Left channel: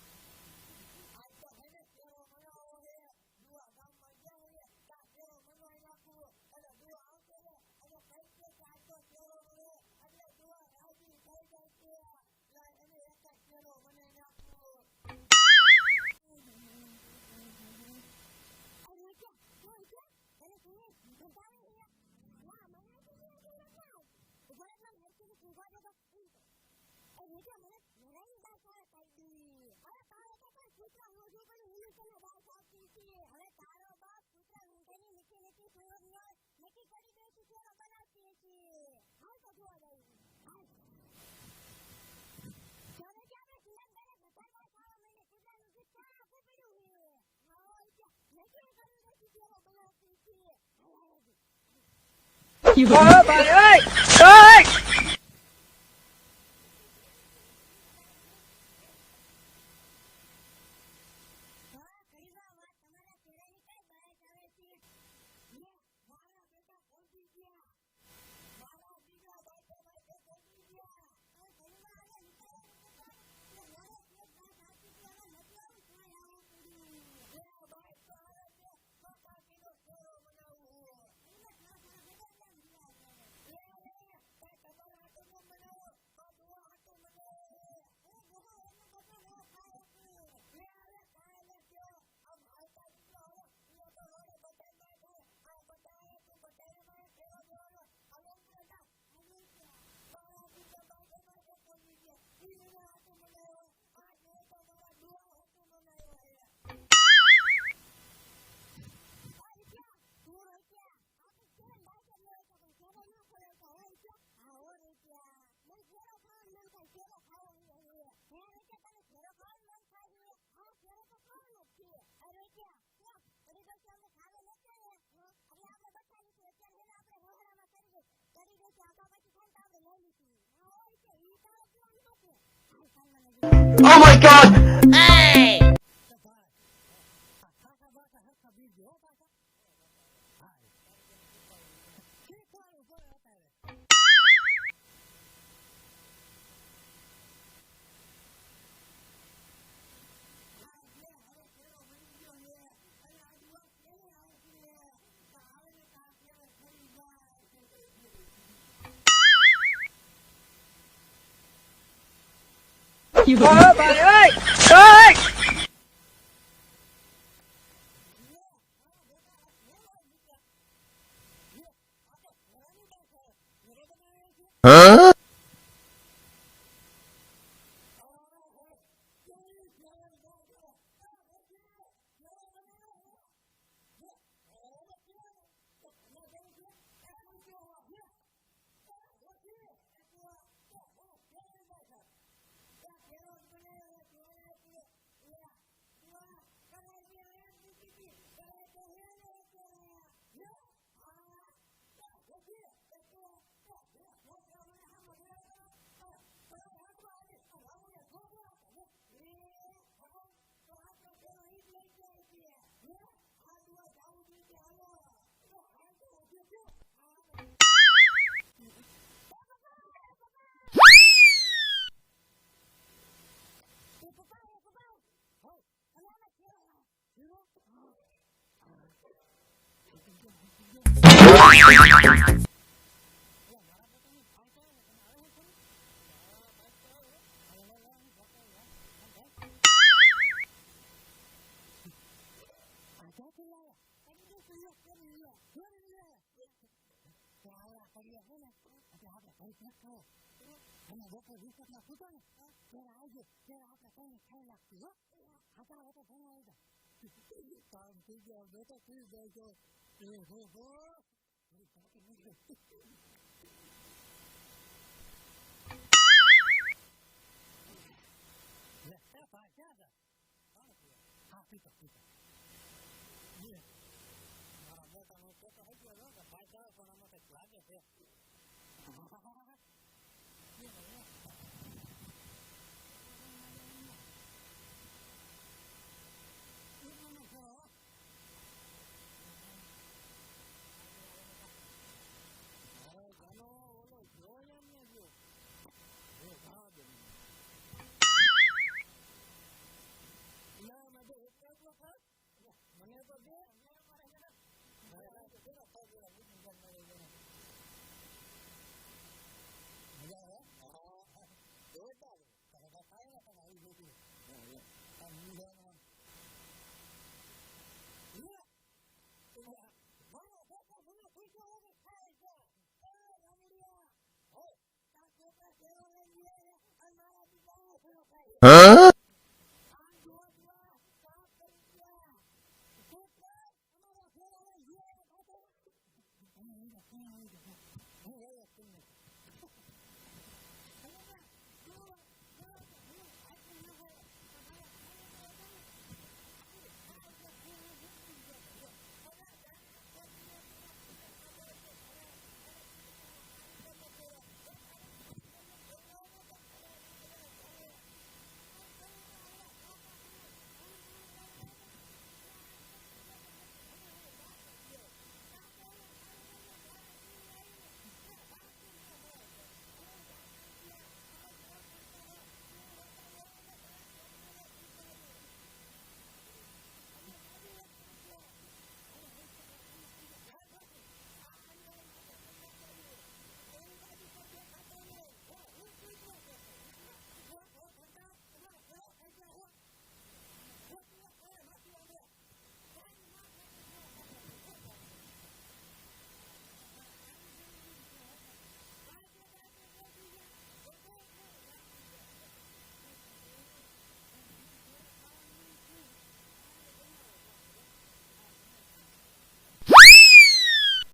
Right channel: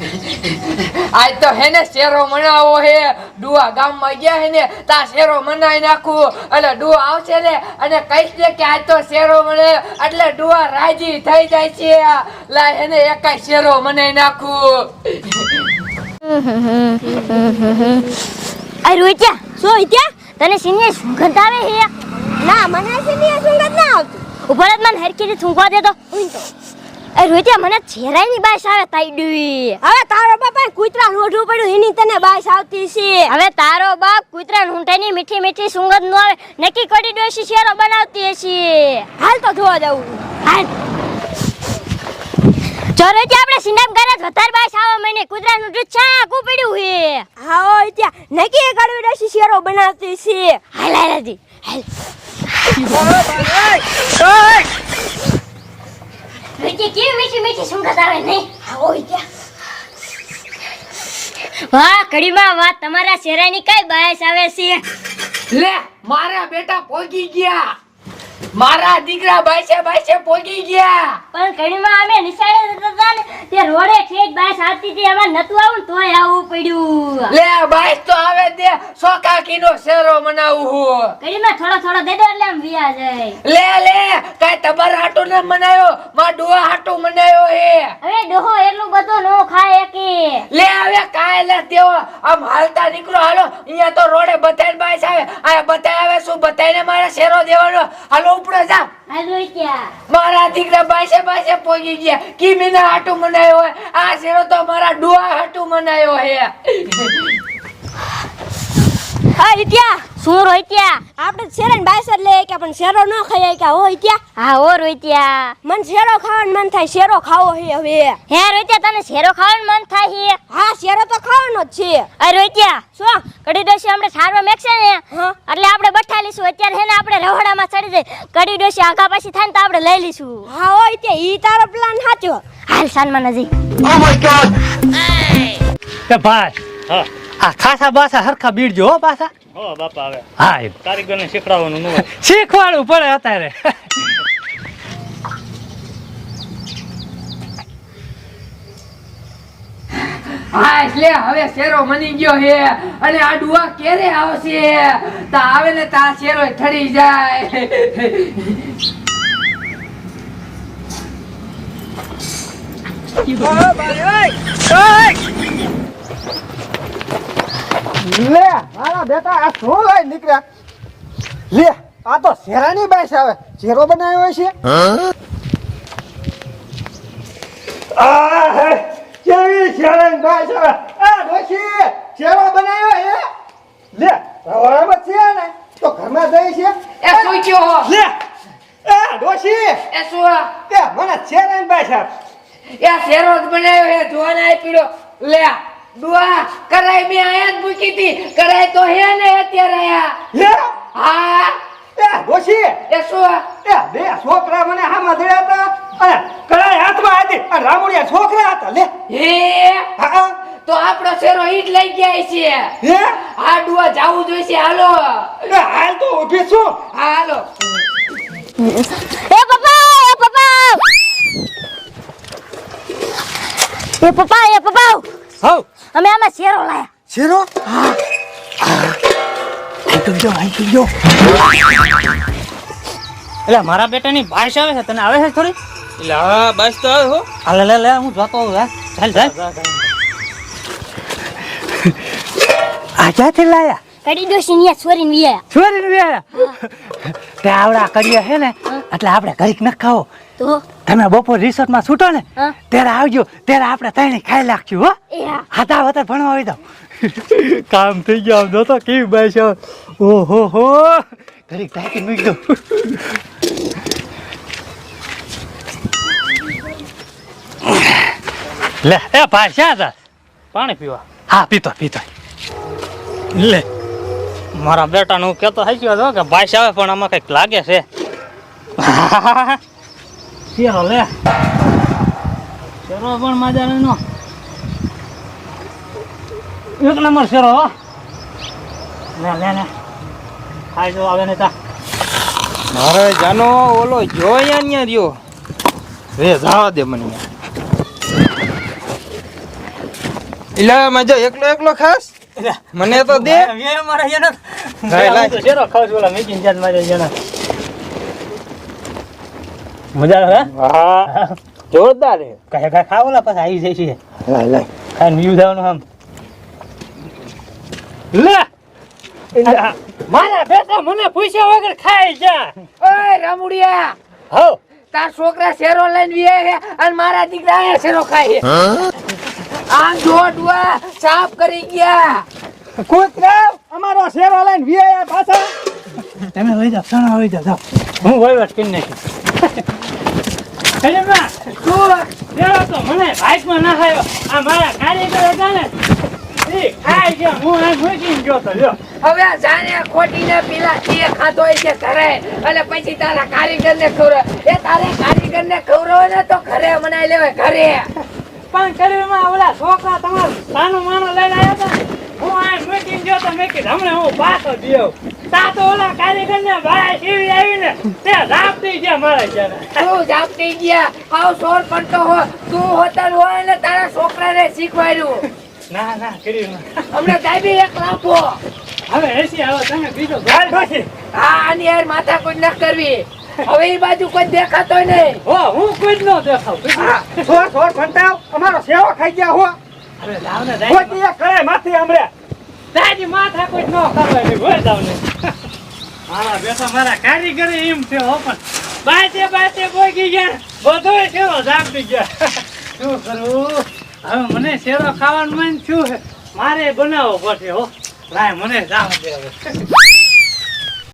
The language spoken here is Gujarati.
આજ તો હે ને શેરો મનાવો હે. ડુઆ ગામમાં ગયા હે ને, તા શેરો મનાઈ નાખું. એટલે ડુઆ આવશે ને, અને કહીશ ને કે આજ તો શેરો મને એટલે ડુઆ રાજી થઈ જાય છે. લા એને એકાય શેરો મનાઈ નાખું. આ રોહિત્યા, શું ઇત્યા તને સિનિયર સુગંધ આવે હે ના, મને સિનિયર સુગંધ ના આવતી. ઉપર જ મને હરખી થૂંકવા દે તો. એ રોહિત્યા મને છેરાઈની બાસ આવે તાઈડુઈ હવે તારો બાપા કૂતરા નોઢું પડ્યું એની તને બાસ આવતી છે. હવે તારો બાપ કૂતરા ઊંટાની મીઠી મીઠી સુગંધ નો આવે નક્કી કરી ડોશી શેરો બનાવતી હશે. હાલ તો જોવા જવું. હાલ. ત્યાં આપણે સિનેમ કરે વધારે બાસ આવે મને કૂતરાનું દૂધ છા કુ પડ્યું હે હા ઓ ત્યાં નકી કડવી ડોશી શેરો બનાવતી છે. હાલ હાલ હાલ હાલ. વિકી કેવી મીઠી મીઠી સુગંધ આવે નહીં? હા ત્યાં વાહ કડીમાં વાહ તમારા શેરાની કઈ બાયસ આવે છે? લે મારા બેટા પોગી ગયા. મારા દીકરા બાયસે બાયસે પોગી ગયા. પણ કડીમાં અમે નિશાળે જતા ને તે રોડે ઠેઠ બાયસ આવતી હતી એમાં નતું આવું તોય આવવું પડ્યું. લે બાયસ તો દે સોકાકીનો શેરો મનાવું હું. કડીમાં થોડો થોડો દે દો એટલે આમ વિયા જાય. લે લે કઈ તબર હાટુ ને મનાયો? માં ડોહા હાટુ મનાયો હે. હવે ડોહો એટલું બધું નો ખાય એકી. લે હવે કાય લે દેવો આમ હાલતા નીકળો હાલો અહીંયા તો રોડે બધાય બાઈસ આવે. આ બતાય આવે શું બધાયને મારે શેરો દેવાનો? હાલો ઉપડે જા. મારા દીકરા બાસે બાસે પહોંચી ગયા. કી મીના હાટુ મનાયો આ શેરો તો મારા ડુઆ હાટુ મનાયો હે. હા ઇત્યા શું રોહિત્યા આપણે શેરણ બાયસર લે કે પણ શેરો ન ખાઈએ કે હો ઇત્યા હા હો રોહિત્યા મન શેરો ખાવાનું મન થાય શેરો ખાવો હે હવે. હે રોહિત્યા તને શેરો ખાવાનું મન થાય હે? હા શેરો તો ખાવાનો જ છે. અરે શું? કડી ડોસી આપણે સારવા મેકશે ને? એટલે આપણે બઠા લઈશું. અત્યારે હે ને આપણે રહોડામાં ચડી જાય કડી ડોશી આગા પાછી થાય ને તો આપણે લઈ લઈશું. હા હો ઈ તારો પ્લાન સાચો. હાલ સાનમાં નજીક. કે ભાઈ હા. આ ખાસા બાસા હરખા બીડજો હો પાછા હો બાપા આવે હા કારીગરને શીખડાવવાનું નું શીખવાડવું પડે અત્યારે. હા એટલે હવે શેરો મની ગયો હે. અને આ ડુઆ ક્યારે આવશે? તા આવે ને તા શેરો ઠડી જાય. લે મારા બેટા આ શું લઈ નીકળ્યા? લે આ તો શેરાની બેસ આવે. શેરો બનાવ્યો છે કેવી શેરાની બાઈસ આવે? આ ડોશી શેરો બનાવ્યો હે? લે રવાડામાં છે ને તો ઘરમાં જઈ છે. એ શું લે એ ડોશી એ શું તે મને શેરાની બાઈસ આવે. એ શેરો જ બનાવ્યો હે જોવાના આપી લે ડુઆ કરાય મે આયા જ મૂકી હતી. કરાય તો હે ને અત્યારે આયા. હે? હા. એ ડોશી એ શું? એ બે છોકરા મને હા મધડ્યા હતા. અને કરાય હાથમાં હતી. અને રામુડિયા છોકરા હતા. લે. હે? હા. તો આપણો શેરો ઈટ લઈ ગયા છે. હે? આ દુઆ જાવું જોઈશે. હાલો. એ હાલ તો ઊભી છું. હાલો. એ પપ્પા એ પપ્પા. એ પપ્પા એ પપ્પા. હવ. અમે આમાં શેરો લાયા. શેરો? એટલે મારા બેટાની ભાષ આવે છે તને આવે છે થોડી? એટલે હા બસ તો આવે હો. હાલે લે લે લે હું જોતો આવું હે ચાલ ચાલ. આ ક્યાંથી લાયા? કડી ડોશી ની છોરીને વિયા છોરીને વ્યાયા તે આવડા કરીએ છે ને એટલે આપણે ઘરીક ન ખાવો તો? તમે બપોર રિસોર્ટમાં છૂટો ને ત્યારે આવજો. ત્યારે આપણે ત્રણે ખાઈ લાગશું હો. હાથા હા. વતર ભણવા આવી દો કામ થઈ ગયો આમ તો કેવી બાઈ છે. ઓહો હો. ઘડીક ટાઈકી મૂકી દો લે એ ભાઈ શ્યા હતા પાણી પીવા. હા પીતો પીતો. લે. મારા બેટાનું હું કહેતો થઈ ગયો હતો કે ભાઈ આવે પણ આમાં કંઈક લાગે છે. શેરો લે શેરો પણ મજાનો એક નંબર શેરો લે લે લે. ખાઈ જો આવે ને તા. મારે જાનો ઓલો જોયા અહીંયા રહ્યો. રે જવા દે મને. એટલે મજો એકલો એકલો ખાસ? મને તો દે. મારા. શેરો ખાઉં છું ઓલા મેકીને જાત મારે જેના મજા આવે હા? જોરદાર કહે કહે ખાવ ઓલા પાછા આવી જાય છે. લાય લાય. ખાઈને વ્યૂ થવાનું આમ. લે! મારા બેટા મને પૂછ્યા વગર ખાઈ જા. ઓય રામુડિયા હો. તાર છોકરા શેરો લઈને વીએ છે અને મારા દીકરા એ શેરો ખાય આમ જોડવા સાફ કરી ગયા. કૂતરા અમારો શેરો લઈને વીઆયા પાછા. તમે હોય જાઓ સણા હોય જાઓ. હું વહીવટ કરી નાખી અરે માં શું દેવો તો મને ભાગમાં ના ખાયો આ મારા કારીગર હતા ને એ ખાઈ હું આ મૂકીને ગયો તો હવે જાણે ખોટી ને પેલા એ ખાતો છે ઘરે. અને પછી તારા કારીગર ને એ તારે કારીગર ને ને તો ઘરે મનાઈ લેવાય, ઘરે. પણ કરીમાં ઓલા છોકરા તમારો સાનું માનો લઈને આવ્યા હતા હું આ મૂકીને ગયો તો મેં કીધું, હમણાં હું પાછો દ્યો તા તો ઓલા કારીગર ને ભાઈ સીવી આવીને તે રાપ દઈ ગયા મારા તું જાપતી ગયા? આવ સોર પડતો હો. તું હોતન હોય ને તારા છોકરાને શીખવાડ્યું. ના ના કરીમાં હમણાં દાબી એક લાફો હવે એસી આવો તમે બીજો ગાલ પછી. હા આની યાર માથા કોઈ ન કરવી. હવે એ બાજુ કોઈ દેખાતો નહીં. હો હું કોઈ જ ન દેખાવ. છોડ છોડ ફંટાવ અમારો સેવા ખાઈ ગયા હો. ને ખોટી કરે માથી હમણે દાદી માથા કોઈ ન કરવા દે હોય જાવ ને મારા બેટા મારા કારીગર એમ છે હો, પણ બાતે બાતે પોગી ગયા, બધોય શેરો જાપી ગયા. શું કરું? હવે મને શેરો ખાવાનું મન થયું મારે બનાવવો પડશે હો. લાય, મને જાવ